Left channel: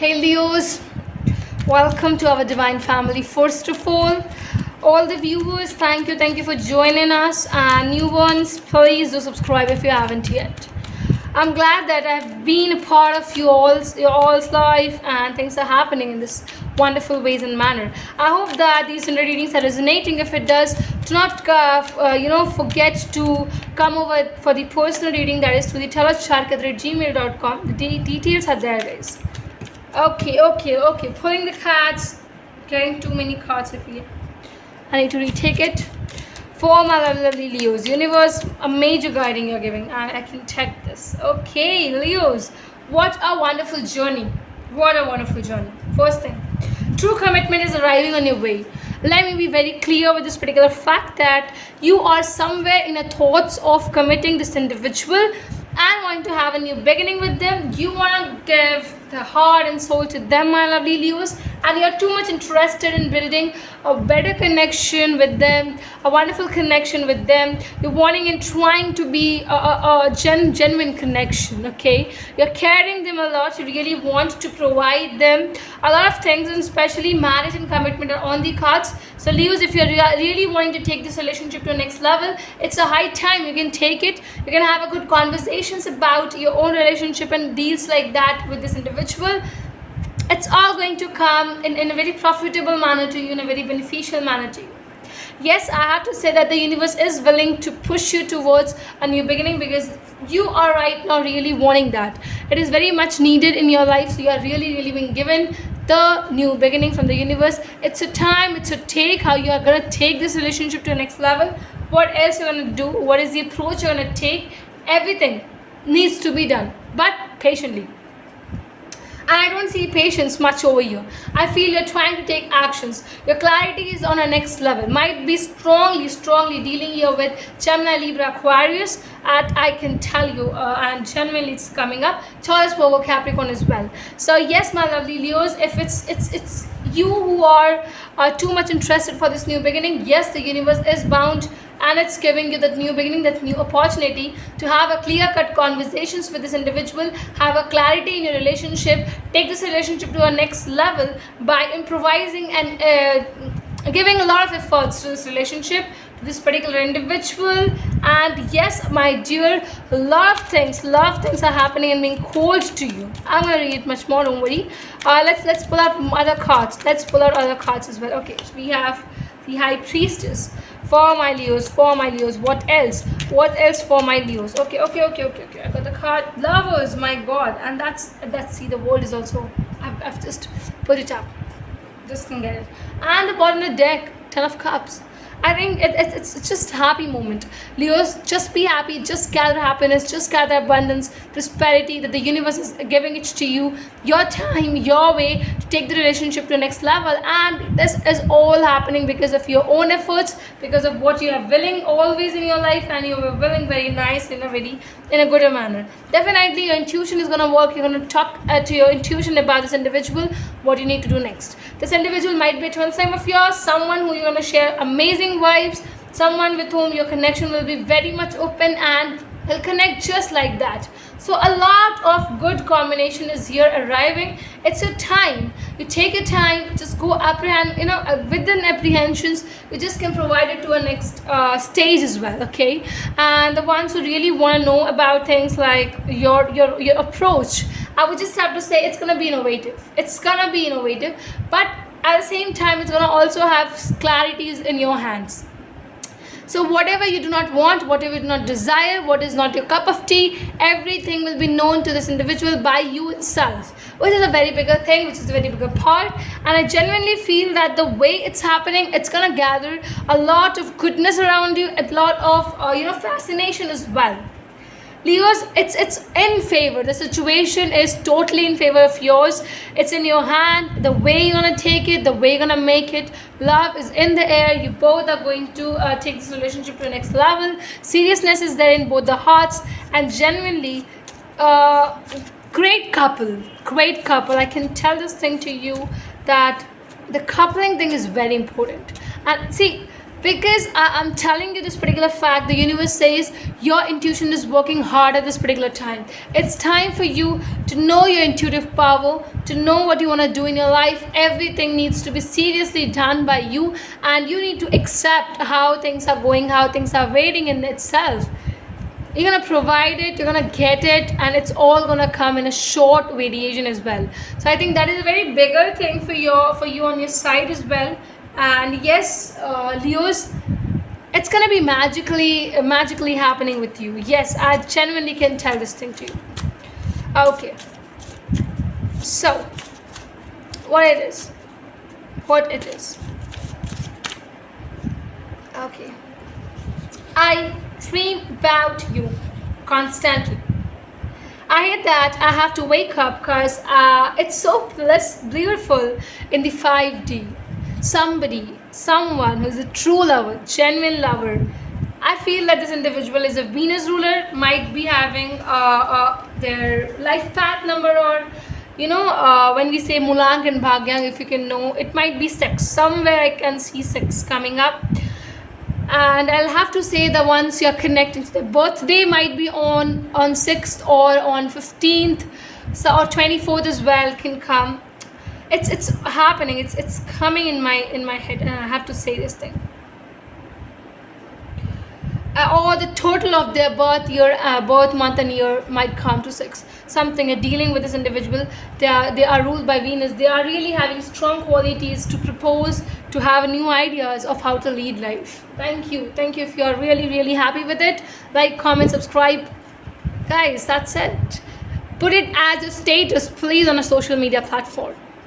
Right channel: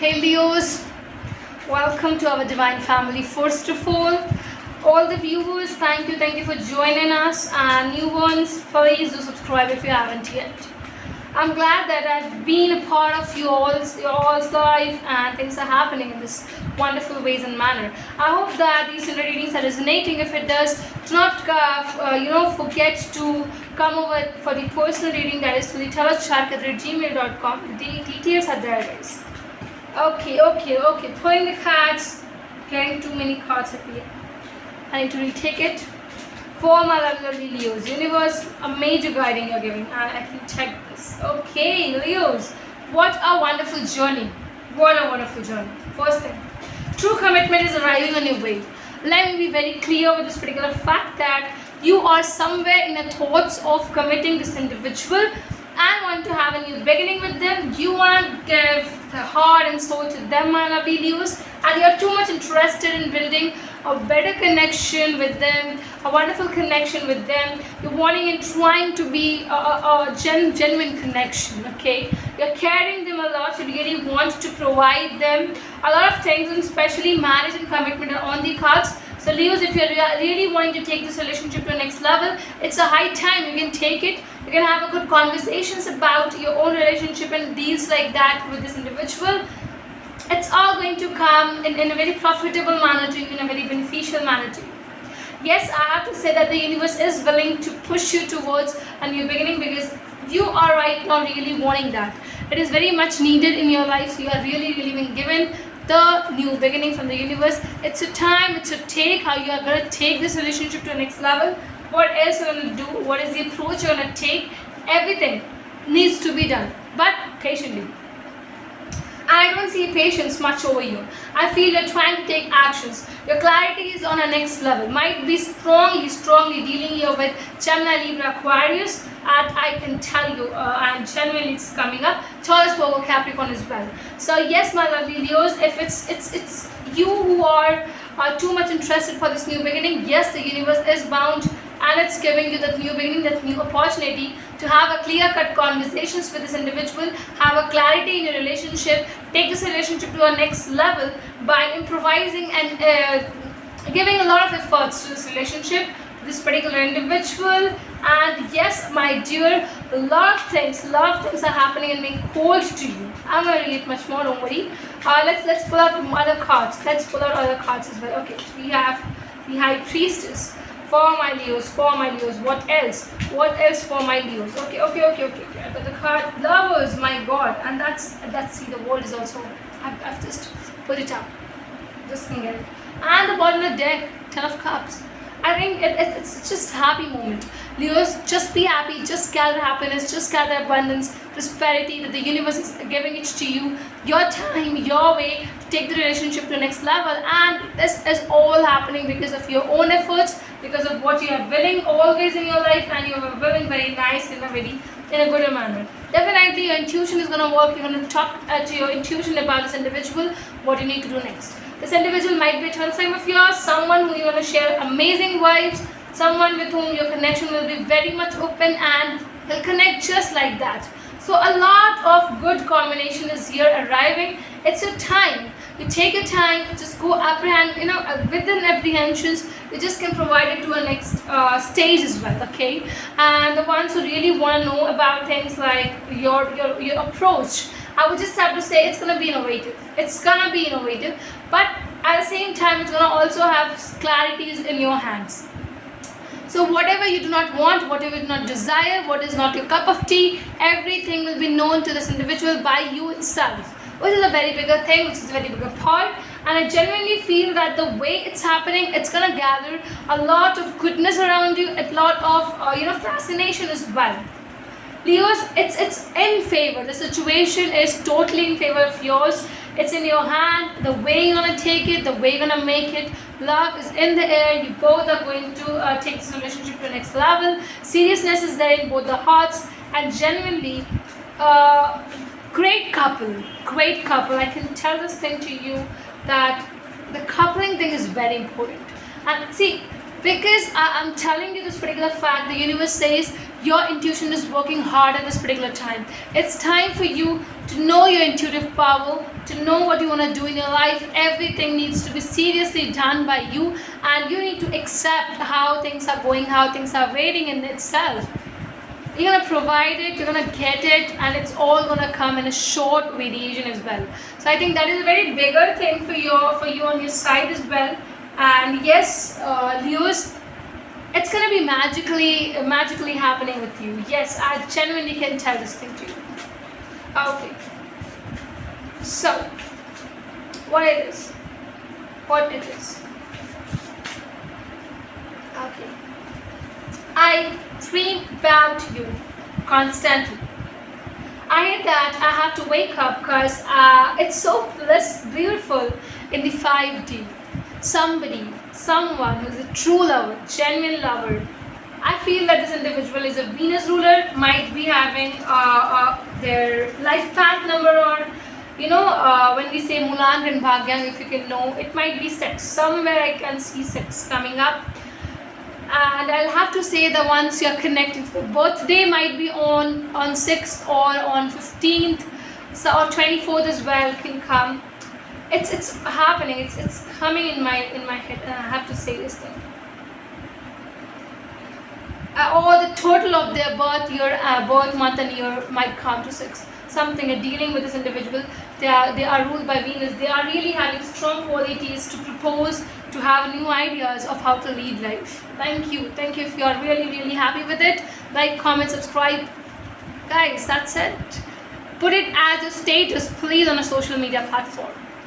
Hey Leos, welcome to our divine family. First of all the viewers, thank you for joining us. And new ones, please do subscribe if you haven't yet. I'm glad that I've been a part of your all's life, and things are happening in this wonderful ways and manner. I hope that these Sunday readings are resonating. If it does, do not forget to come over for the personal reading, that is to the taroschark@gmail.com. The details are there, guys. Okay. Pulling the cards, getting too many cards here. I need to retake it. For my lovely Leos, universe, a major guiding you're giving. I can check this. Okay, Leos, what a wonderful journey. What a wonderful journey. First thing, true commitment is arriving on your way. Let me be very clear with this particular fact that you are somewhere in the thoughts of committing this individual and want to have a new beginning with them. You want to give the heart and soul to them, my lovely Leos, and you're too much interested in building a better connection with them, a wonderful connection with them. You're wanting and trying to be a genuine connection, okay? You're caring them a lot. You really want to provide them a lot of things, and especially marriage and commitment are on the cards. So Leos, if you're really wanting to take this relationship to the next level, it's a high time. You can take it. You can have a good conversations about your own relationship and deals like that with this individual. It's all going to come in a very profitable manner to you, in a very beneficial manner to you. Yes, I have to say that the universe is willing to push you towards a new beginning, because you are right now really wanting that. It is very much needed in your life, so you are really being given the new beginning from the universe. It's a time, it's a take, how you are going to take this relationship to the next level, what else you're going to do, what is the approach you're going to take. Everything needs to be done, but patiently. I don't see patience much over you. I feel you're trying to take actions. Your clarity is on a next level. Might be strongly dealing here with Gemini, Libra, Aquarius. And I can tell you, and genuinely it's coming up. Taurus, Virgo, Capricorn as well. So yes, my lovely Leos, if it's you who are too much interested for this new beginning, yes, the universe is bound, and it's giving you that new beginning, that new opportunity to have a clear-cut conversations with this individual, have a clarity in your relationship, take this relationship to a next level by improvising and giving a lot of efforts to this relationship, to this particular individual. And yes, my dear, a lot of things are happening and being called to you. I'm gonna read much more, don't worry. Let's pull out other cards. Let's pull out other cards as well. Okay, so we have the High Priestess. For my Leos, what else for my Leos? Okay. I got the card Lovers, my God, and that's see, the world is also, I've just put it up, just can get it. And the bottom of the deck, Ten of Cups. I think it's just a happy moment. Leos, just be happy, just gather happiness, just gather abundance, prosperity, that the universe is giving it to you, your time, your way to take the relationship to the next level. And this is all happening because of your own efforts, because of what you are willing always in your life, and you are willing very nice in a good manner. Definitely your intuition is going to work. You're going to talk to your intuition about this individual, what you need to do next. This individual might be a twin flame of yours, someone who you're going to share amazing vibes, someone with whom your connection will be very much open and will connect just like that. So a lot of good combination is here arriving. It's your time. You take your time, just go apprehend, within apprehensions, you just can provide it to a next stage as well, okay? And the ones who really want to know about things like your approach, I would just have to say it's going to be innovative. It's going to be innovative, but at the same time, it's going to also have clarities in your hands. So whatever you do not want, whatever you do not desire, what is not your cup of tea, everything will be known to this individual by you itself, which is a very bigger thing, which is a very bigger part. And I genuinely feel that the way it's happening, it's going to gather a lot of goodness around you, a lot of fascination as well. Leos, it's in favor. The situation is totally in favor of yours. It's in your hand. The way you're gonna take it, the way you're gonna make it. Love is in the air. You both are going to take this relationship to the next level. Seriousness is there in both the hearts, and genuinely, great couple. I can tell this thing to you, that the coupling thing is very important. And see, Because I'm telling you this particular fact, the universe says your intuition is working hard at this particular time. It's time for you to know your intuitive power, to know what you want to do in your life. Everything needs to be seriously done by you, and you need to accept how things are going, how things are waiting in itself. You're gonna provide it, you're gonna get it, and it's all gonna come in a short variation as well. So I think that is a very bigger thing for you on your side as well. And yes, Leos, it's gonna be magically happening with you. Yes, I genuinely can tell this thing to you. Okay, so what it is, okay, I dream about you constantly. I hate that I have to wake up because it's so beautiful in the 5D. Someone who's a true lover, genuine lover. I feel that this individual is a Venus ruler, might be having their life path number, or when we say Mulan and Bhagyang, if you can know, it might be 6. Somewhere I can see 6 coming up. And I'll have to say the ones you're connecting to, the birthday might be on 6th or on 15th, so or 24th as well can come. It's happening. It's coming in my head, and I have to say this thing. Or the total of their birth year, birth month and year might come to 6. Something you're dealing with this individual. They are ruled by Venus. They are really having strong qualities to propose, to have new ideas of how to lead life. Thank you if you are really happy with it. Like, comment, subscribe, guys. That's it. Put it as a status, please, on a social media platform.